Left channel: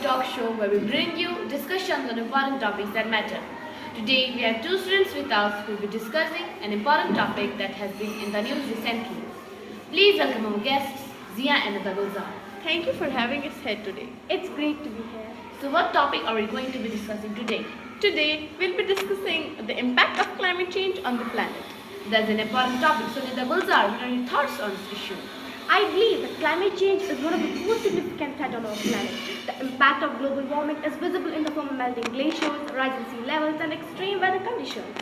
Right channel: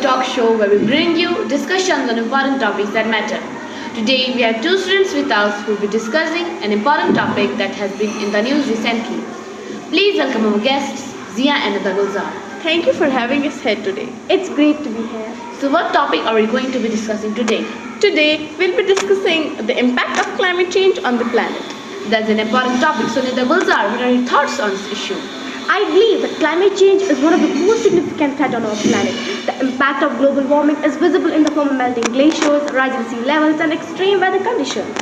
talk show where we bring you discussions on important topics that matter. Today we have two students with us who will be discussing an important topic that has been in the news recently. Please welcome our guests, Zia and Gulzar. Thank you for having us here today. It's great to be here. So what topic are we going to be discussing today? Today, we'll be discussing the impact of climate change on the planet. That's an important topic. So Gulzar, what are your thoughts on this issue? I believe that climate change is one of the most significant threats on our planet. The impact of global warming is visible in the form of melting glaciers, rising sea levels, and extreme weather conditions.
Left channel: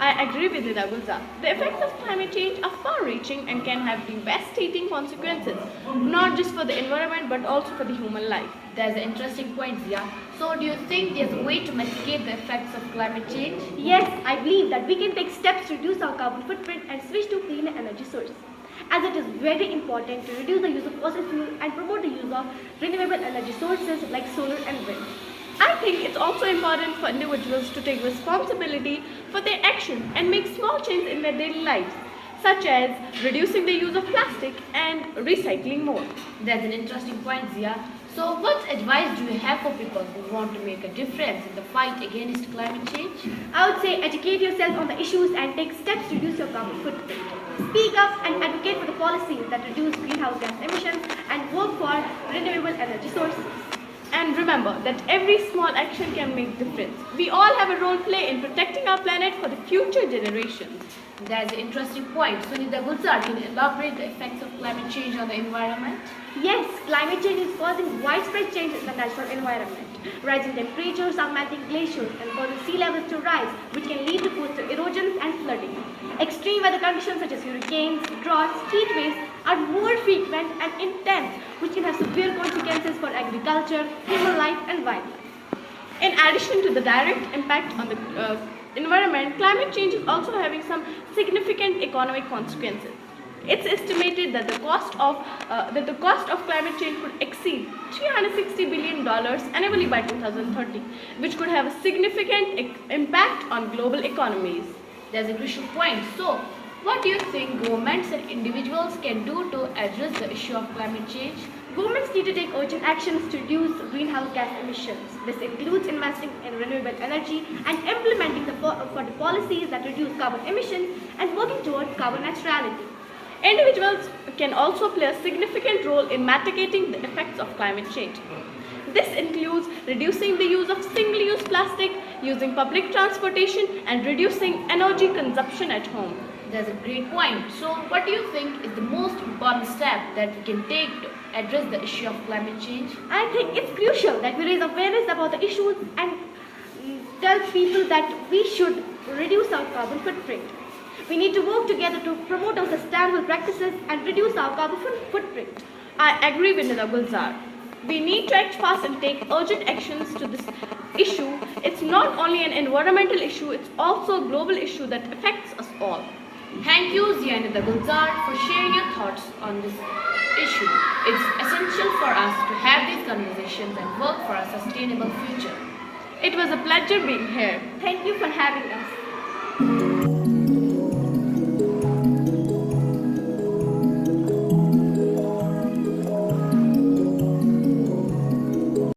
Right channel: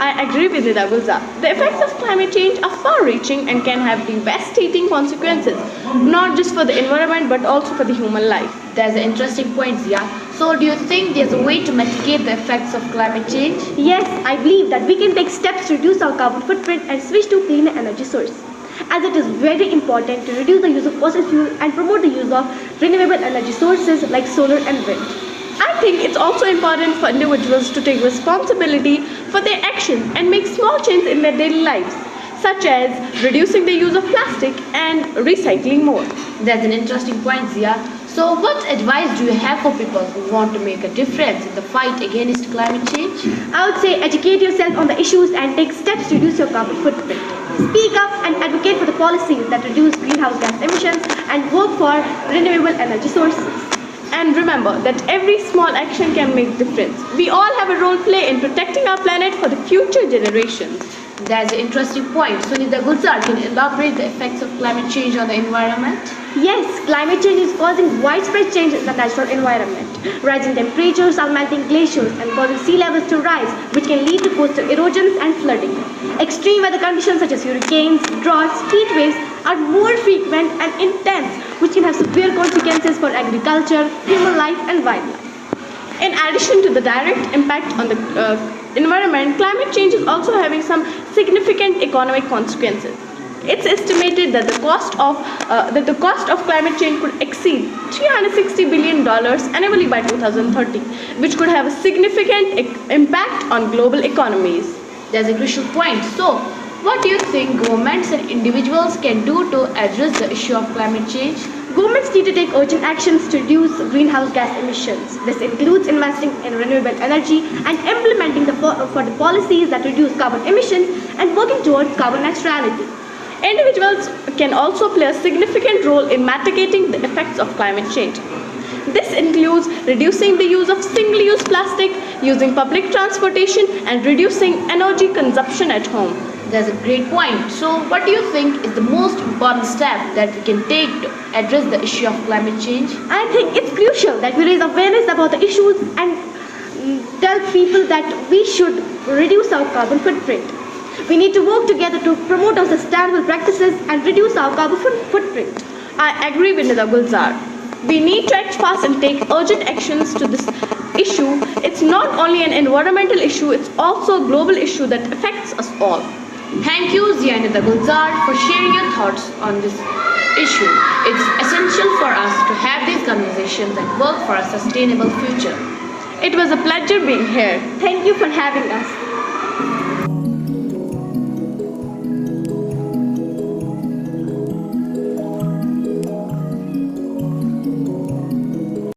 I agree with Nida Gulzar. The effects of climate change are far-reaching and can have devastating consequences, not just for the environment but also for the human life. That's an interesting point, Zia. So do you think there's a way to mitigate the effects of climate change? Yes, I believe that we can take steps to reduce our carbon footprint and switch to cleaner energy sources, as it is very important to reduce the use of fossil fuel and promote the use of renewable energy sources like solar and wind. I think it's also important for individuals to take responsibility for their actions and make small changes in their daily lives, such as reducing the use of plastic and recycling more. That's an interesting point, Zia. So what advice do you have for people who want to make a difference in the fight against climate change? I would say educate yourself on the issues and take steps to reduce your carbon footprint. Speak up and advocate for the policies that reduce greenhouse gas emissions and work for renewable energy sources. And remember that every small action can make a difference. We all have a role to play in protecting our planet for the future generations. That's an interesting point. Sunita Gulzar, can you elaborate the effects of climate change on the environment? Yes, climate change is causing widespread changes in the natural environment. Rising temperatures are melting glaciers and causing sea levels to rise, which can lead to coastal erosions and flooding. Extreme weather conditions such as hurricanes, droughts, heat waves are more frequent and intense, which can have severe consequences for agriculture, human life, and wildlife. In addition to the direct impact on the environment, climate change is also having some significant economic consequences. It's estimated that the cost of climate change could exceed $360 billion annually by 2030, which could have a significant impact on global economies. That's a crucial point. So, what do you think governments and individuals can do to address the issue of climate change? Governments need to take urgent actions to reduce greenhouse gas emissions. This includes investing in renewable energy and implementing the policies that reduce carbon emissions and working towards carbon neutrality. Individuals can also play a significant role in mitigating the effects of climate change. This includes reducing the use of single-use plastic, using public transportation, and reducing energy consumption at home. That's a great point. So, what do you think is the most important step that we can take to address the issue of climate change? I think it's crucial that we raise awareness about the issues and tell people that we should reduce our carbon footprint. We need to work together to promote our sustainable practices and reduce our carbon footprint. I agree with Nida Gulzar. We need to act fast and take urgent actions to this issue. It's not only an environmental issue, it's also a global issue that affects us all. Thank you, Zia and Gulzar, for sharing your thoughts on this issue. It's essential for us to have these conversations and work for a sustainable future. It was a pleasure being here. Thank you for having us.